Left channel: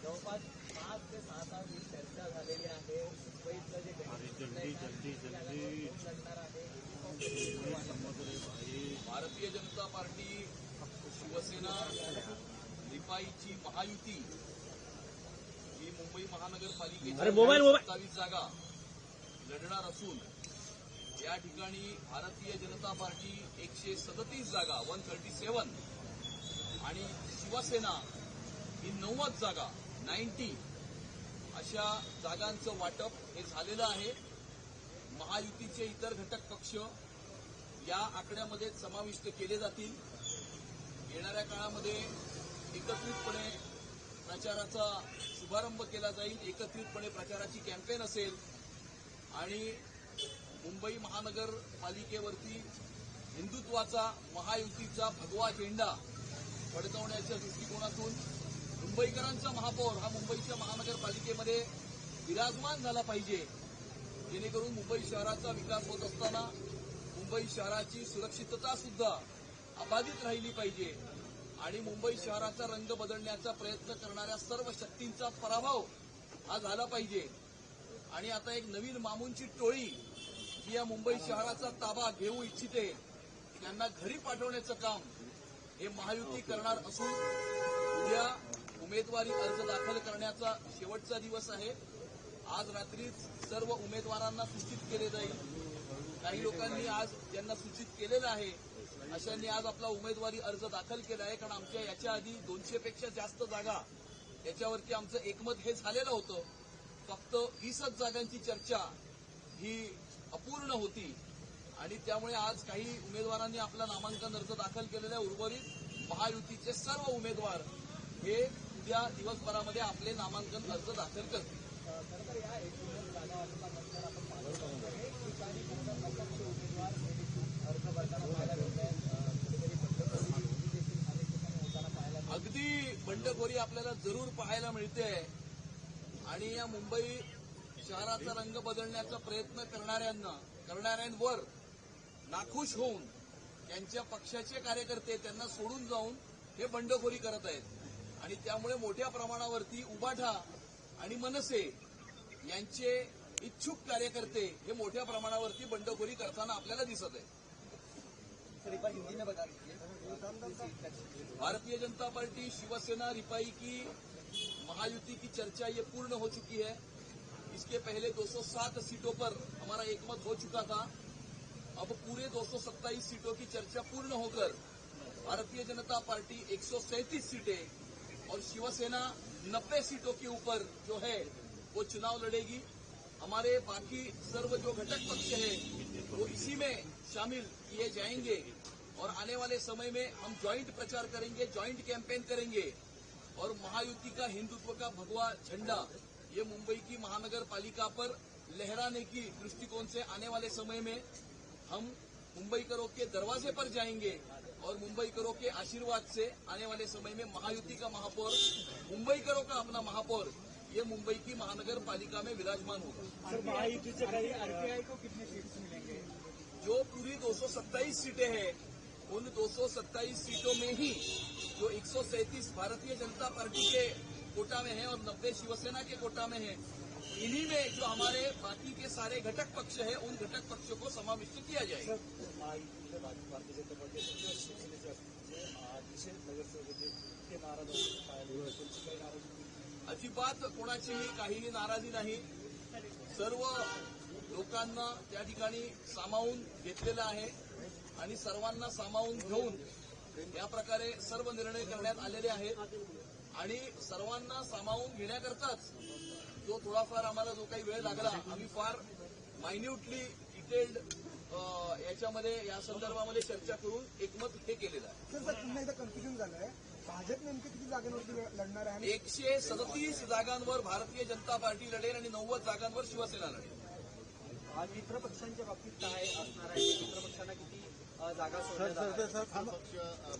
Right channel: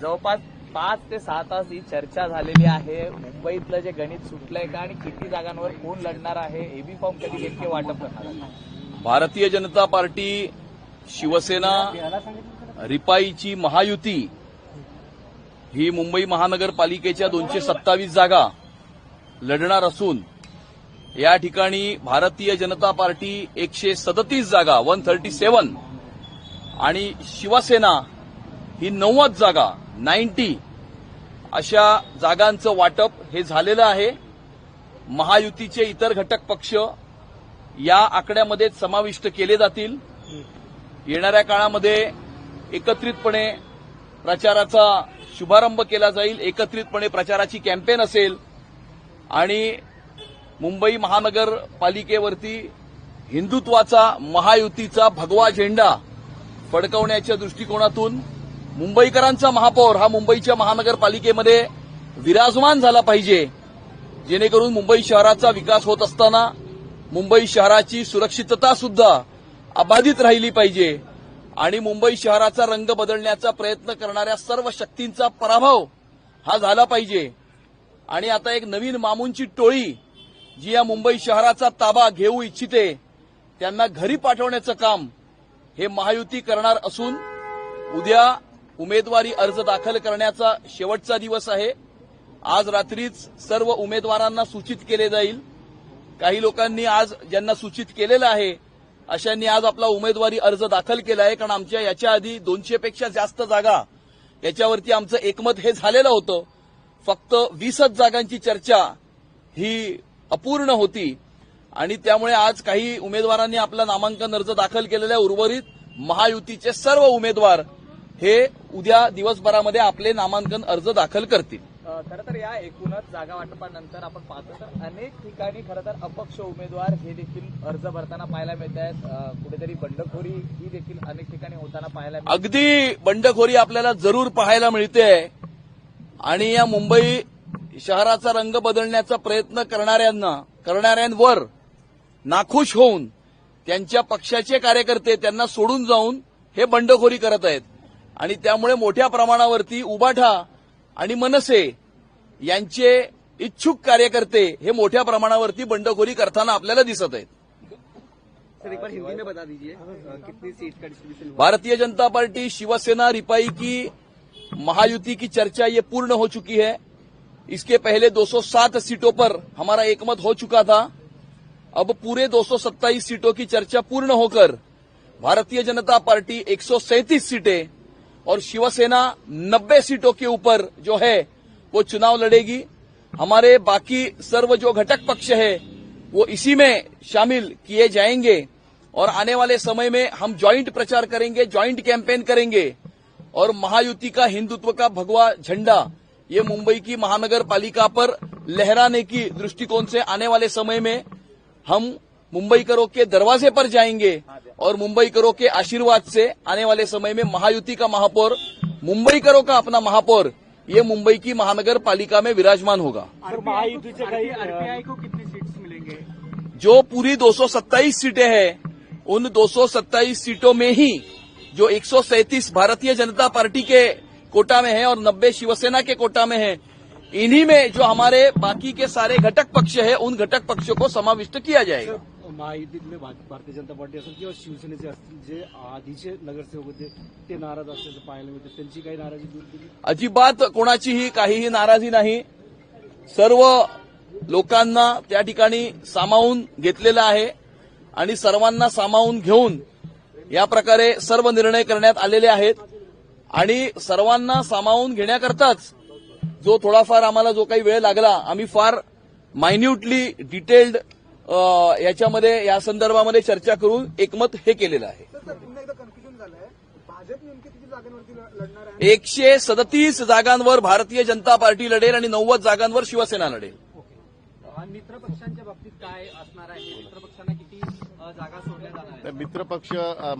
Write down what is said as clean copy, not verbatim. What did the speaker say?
जवळपास 5 ते 6 तास ही चर्चा झालेली आहे. मुंबईतलं जे गणित सुटलंय का आणि किती जागांवर कोण लढणार आहे, एबी फॉर्म कधी नेमके वाटप करणार आहे? भारतीय जनता पार्टी, शिवसेना, रिपाईची महायुती ही मुंबई महानगरपालिकेच्या 227 जागा लढणार असून या ठिकाणी भारतीय जनता पार्टी 137 जागा 137 आणि शिवसेना ही 90 जागा 90 अशा जागांचं वाटप हे झालेलं आहे. महायुतीचे इतर घटक पक्ष या आकड्यामध्ये समाविष्ट केले जातील. येणाऱ्या काळामध्ये एकत्रितपणे प्रचाराचा शुभारंभ केला जाईल. एकत्रितपणे प्रचाराची कॅम्पेन असेल आणि मुंबई महानगरपालिकेवरती हिंदुत्वाचा महायुतीचा भगवा झेंडा फडकवण्याच्या दृष्टिकोनातून मुंबईकरांचा महापौर हा मुंबईच्या महानगरपालिकेमध्ये विराजमान झाला पाहिजे, जेणेकरून मुंबई शहराचा विकास होत असताना मुंबई शहराची सुरक्षितता सुद्धा अबाधित राहिली पाहिजे आणि मुंबई शहराचा रंग बदलण्याचा प्रयत्न करणाऱ्या सर्व शक्तींचा पराभव हा झाला पाहिजे. आणि आता एक नवीन मामूंची टोळी जी या मुंबई शहराचा ताबा घेऊ इच्छिते त्यांना घरी पाठवण्याचं काम हे महायुती करणार असून उद्या उमेदवारी अर्ज दाखल करण्याचा शेवटचा दिवस आहे. आज रात्रीच सर्व उमेदवारांना सूचित केले जाईल. काही लोकांनी आज ज्यांना सूचित केलेलं आहे अशांनी आज आपला उमेदवारी अर्ज दाखल केला आहे, कारण आमच्या याच्या आधी 200 पेक्षा जास्त जागा याच्यावरती आमचं एकमत हे झालेलं होतं. फक्त 20च जागांची चर्चा ही अपूर्ण होती आणि त्यामुळे आज काही उमेदवारांनी आपला नामांकन अर्ज दाखल केलेला आहे. उर्वरित महायुतीचे सर्व उमेदवार हे उद्या दिवसभरामध्ये आपले नामांकन अर्ज दाखल करतील. खरं तर या एकूणच जागा वाटपानंतर आपण पाहतो तर अनेक ठिकाणी खरं तर अपक्ष उमेदवार हे देखील अर्ज भरताना पाहायला मिळत आहेत. कुठेतरी बंडखोरी ही देखील अनेक ठिकाणी होताना पाहायला मिळते. अगदी बंडखोरी आपल्याला जरूर पाहायला मिळते आणि या मुंबई शहराचा रंग बदलण्याचा प्रयत्न करणाऱ्यांवर नाखुश होऊन त्यांच्या पक्षाचे कार्यकर्ते त्यांना सोडून जाऊन हे बंडखोरी करत आहेत आणि त्यामुळे मोठ्या प्रमाणावरती उबाठा आणि मनसे यांचे इच्छुक कार्यकर्ते हे मोठ्या प्रमाणावरती बंडखोरी करताना आपल्याला दिसत आहेत. सर एक बार हिंदी में बता दीजिए कितनी सीट का डिस्ट्रीब्यूशन? भारतीय जनता पार्टी, शिवसेना, रिपाई की महायुति की चर्चा ये पूर्ण हो चुकी है. इसके पहले 207 सीटों पर हमारा एकमत हो चुका था. अब पूरे 227 सीटों की चर्चा पूर्ण होकर भारतीय जनता पार्टी 137 सीटें और शिवसेना 90 सीटों के ऊपर जो है वो चुनाव लड़ेगी. हमारे बाकी सर्व जो घटक पक्ष है वो इसी में शामिल किए जाएंगे और आने वाले समय में हम ज्वाइंट प्रचार करेंगे, ज्वाइंट कैंपेन करेंगे और महायुति का हिंदुत्व का भगवा झंडा ये मुंबई की महानगरपालिका पर लहराने की दृष्टिकोण से आने वाले समय में हम मुंबईकरों के दरवाजे पर जाएंगे और मुंबईकरों के आशीर्वाद से आने वाले समय में महायुति का महापौर, मुंबईकरों का अपना महापौर ये मुंबई की महानगरपालिका में विराजमान होगा. आरपीआई को कितनी सीट्स मिलेंगे? जो पूरी 227 सीटें हैं उन 227 सीटों में ही जो 137 भारतीय जनता पार्टी के कोटा में है और 90 शिवसेना के कोटा में है, इन्हीं में जो हमारे बाकी के सारे घटक पक्ष है उन घटक पक्षों को समाविष्ट किया जाएगा. महायुतीतले भारतीय जनता पार्टी असेल किंवा शिवसेनेचे असतील जे आधीचे नगरसेवक होते ते नाराज असल्याचं पाहायला मिळते, त्यांची काही नाराजी दूर केली? अजिबात कोणाचीही काहीही नाराजी नाही. सर्व लोकांना त्या ठिकाणी सामावून घेतलेलं आहे आणि सर्वांना सामावून घेऊन या प्रकारे सर्व निर्णय करण्यात आलेले आहेत आणि सर्वांना सामावून घेण्याकरताच जो थोडाफार आम्हाला जो काही वेळ लागला, आम्ही फार मायन्यूटली डिटेल्ड याच्यामध्ये या संदर्भामध्ये चर्चा करून एकमत हे केलेलं आहे. 137 जागांवर भारतीय जनता पार्टी लढेल आणि 90 जागांवर शिवसेना लढेल. मित्र पक्षांच्या बाबतीत काय असणार आहे? मित्र पक्षांना किती जागा सोडल्या जाणार? मित्रपक्ष